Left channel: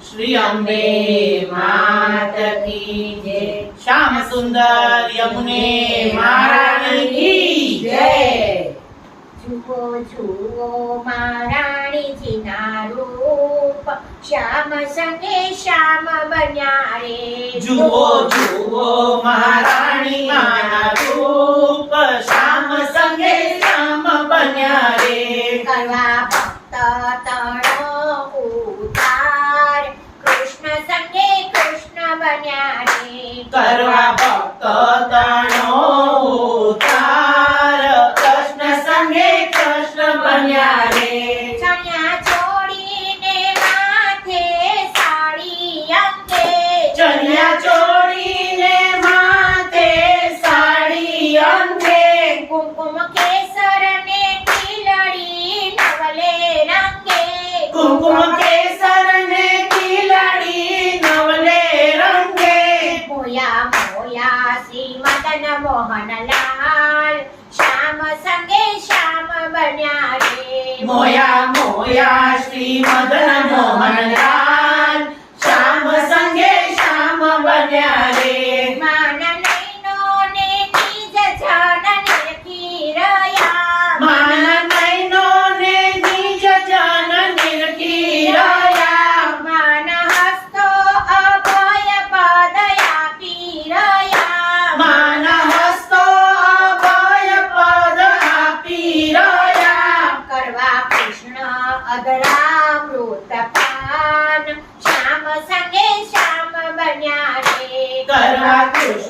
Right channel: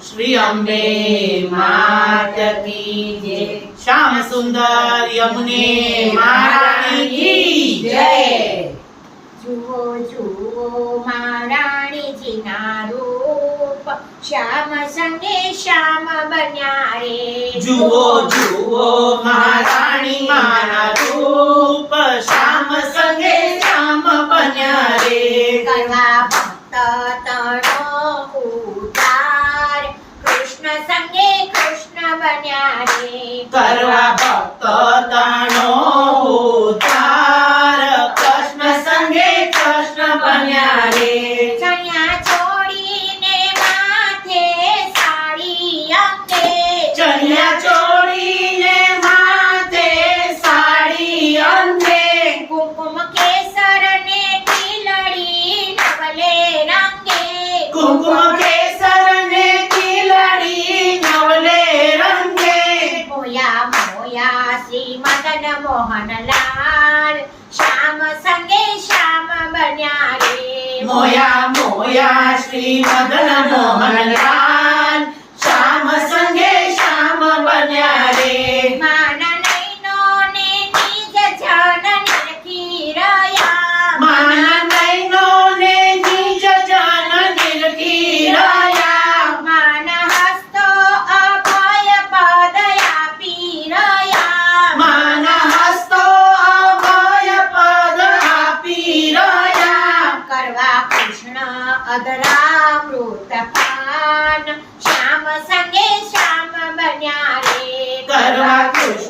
શ્રી અંબે માત જય શ્યામ સુંદર યમુને મહારાણી જય જુઓ જુઓ મહારાણીજીના રૂપ શ્યામ સંગે શ્યામ બન્યા રે જુઓ જુઓ મહારાણી મારા લાલા શ્રી મદન મોહન લાલ શ્યામ સંગે શ્યામ બન્યા રે. મોયા મોયા શ્રી મદન મોહન લાલ શ્યામ સંગે શ્યામ બન્યા Gracias.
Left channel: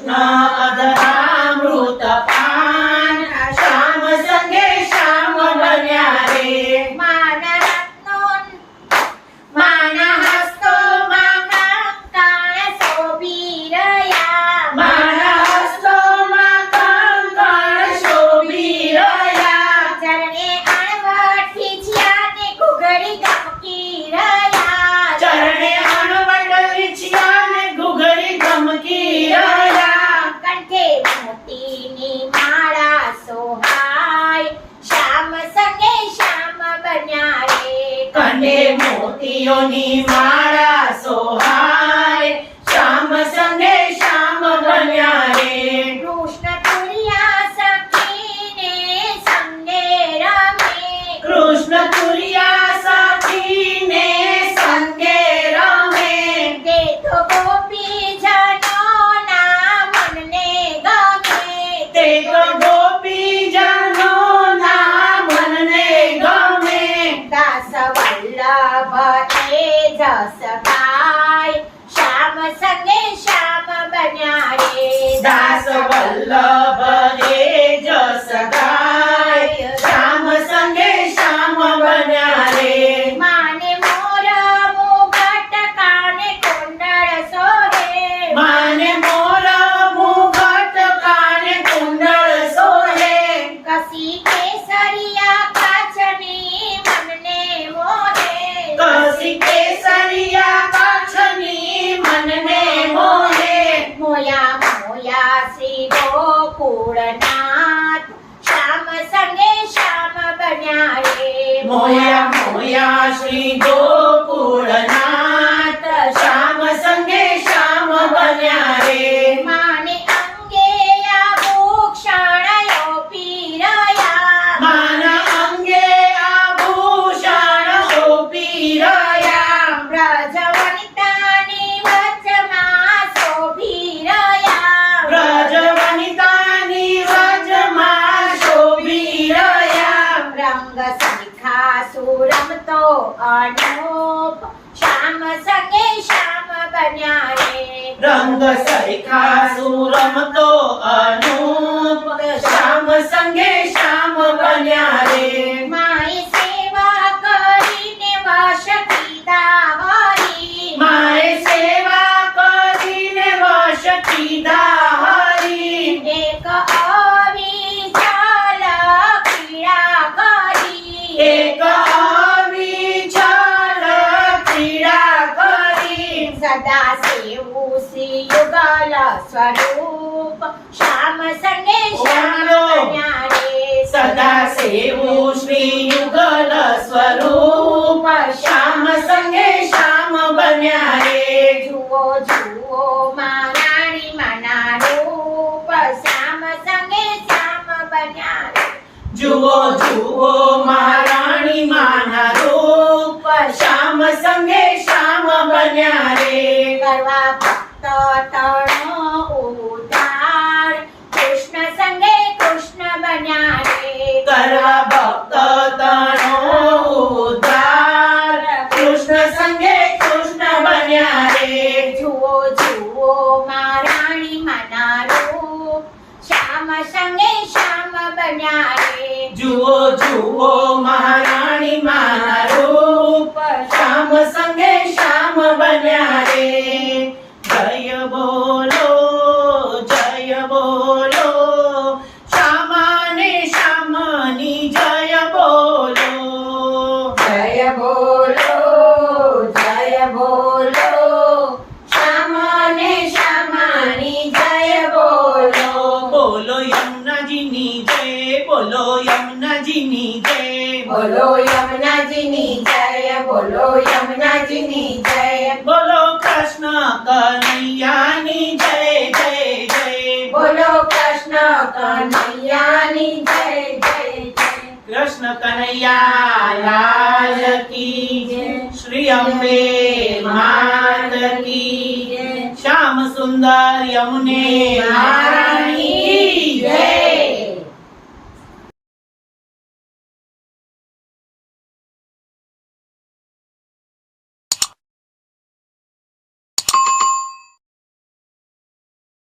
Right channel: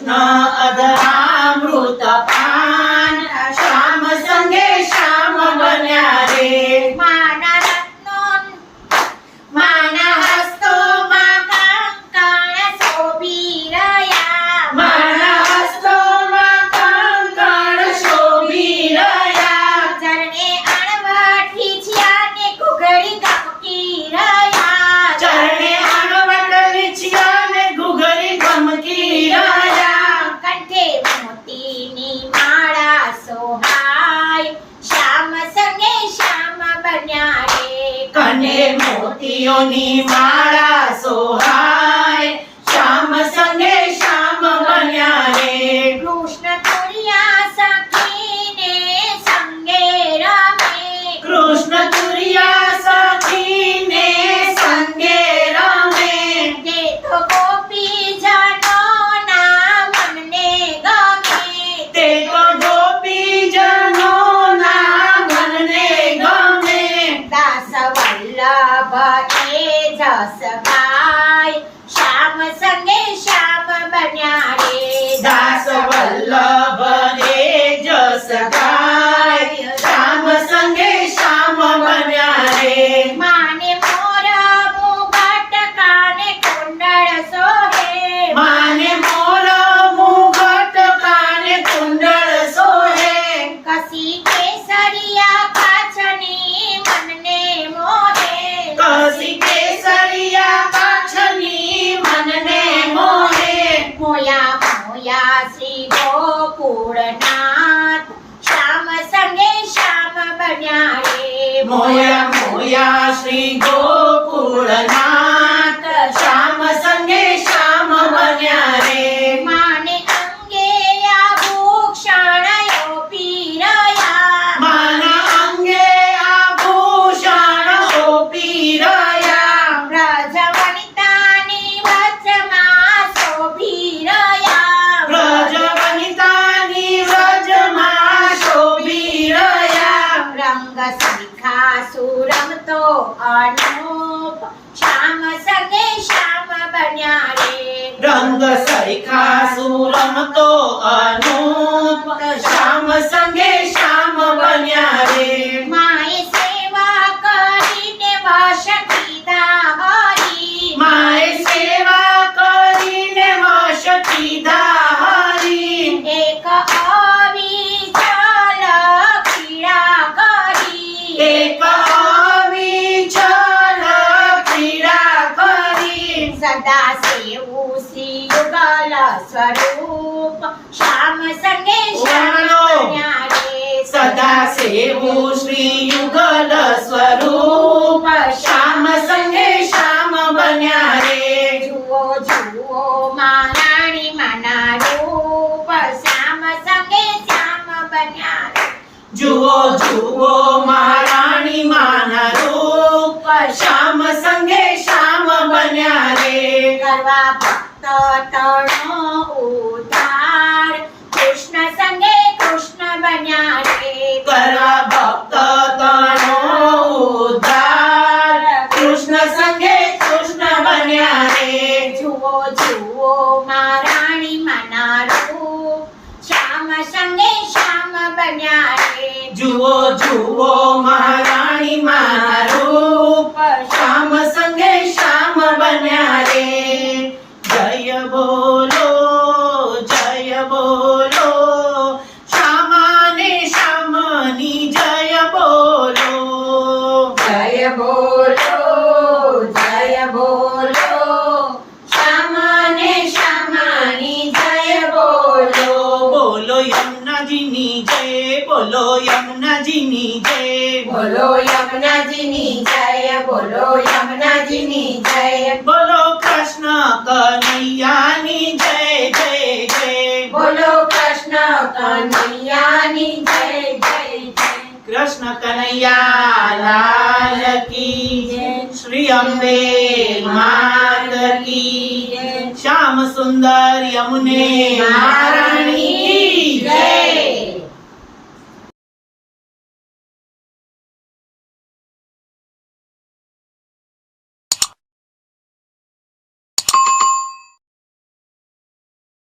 અને મોતીઓની માળા સોહાય. શ્યામ સંગે શ્યામ બન્યા રે. કૃષ્ણ તુરિયા સખીને સંગે રમે. કૃષ્ણ તુરિયા ગુલાબ એ જસકાય શ્યામ સંગે શ્યામ બન્યા રે દાસ વલ્લભ એ જસકાય ભોળનાથ શ્યામ સંગે શ્યામ બન્યા રે. મોયા મોયા શ્રી ગો તો અનુપ શ્યામ સકે શ્યામ બન્યા રે. રંગ સરખા સુરમ તો અનુપ, શ્યામ સંગે શ્યામ બન્યા સદાશિવું શ્રી યુગલ સ્વરૂપ શ્યામ સંગે શ્યામ સદાશિવું શ્રી યુગલ સ્વરૂપ શ્યામ સંગે શ્યામ બન્યા રે જુઓ જુઓ મારાણી માના રૂપ શ્યામ સંગે શ્યામ બન્યા રે જુઓ જુઓ મારાણી માના રૂપ શ્યામ સંગે શ્યામ બન્યા રે. કરવા ભક્ત તણો ઉધાર કૃષ્ણ સંગે કૃષ્ણ બન્યા રે. કરવા ભક્ત તણો ઉધાર કૃષ્ણ સંગે કૃષ્ણ બન્યા રે. જુઓ જુઓ મારાણી મનારો. શ્યામ સંગે શ્યામ બન્યા રે. જુઓ જુઓ મહારાણી શ્યામ બન્યા રે બોલો યમુનાજીની જય બોલો યમુનાજીની જય બોલો યમુનાજીની જય બોલો કૃષ્ણ કનૈયાની જય જય જય બોલો કૃષ્ણ કનૈયાની જય જય જય કૃષ્ણ કનૈયા લાલ કી જય. શ્રી અંબે માત કી જય. શ્યામ સુંદર યમુને જય